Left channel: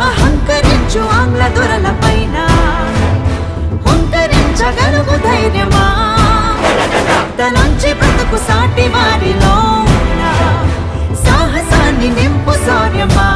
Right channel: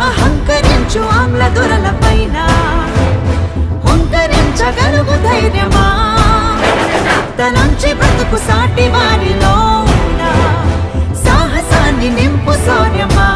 అహంకరించు ఆంగ్ల దొరల పైన హుంకరించగలుగు ధైర్యమా తనుంచి బ్రతుకు సాటి వారిలోన సాహసాన్ని నింపు శౌర్యమా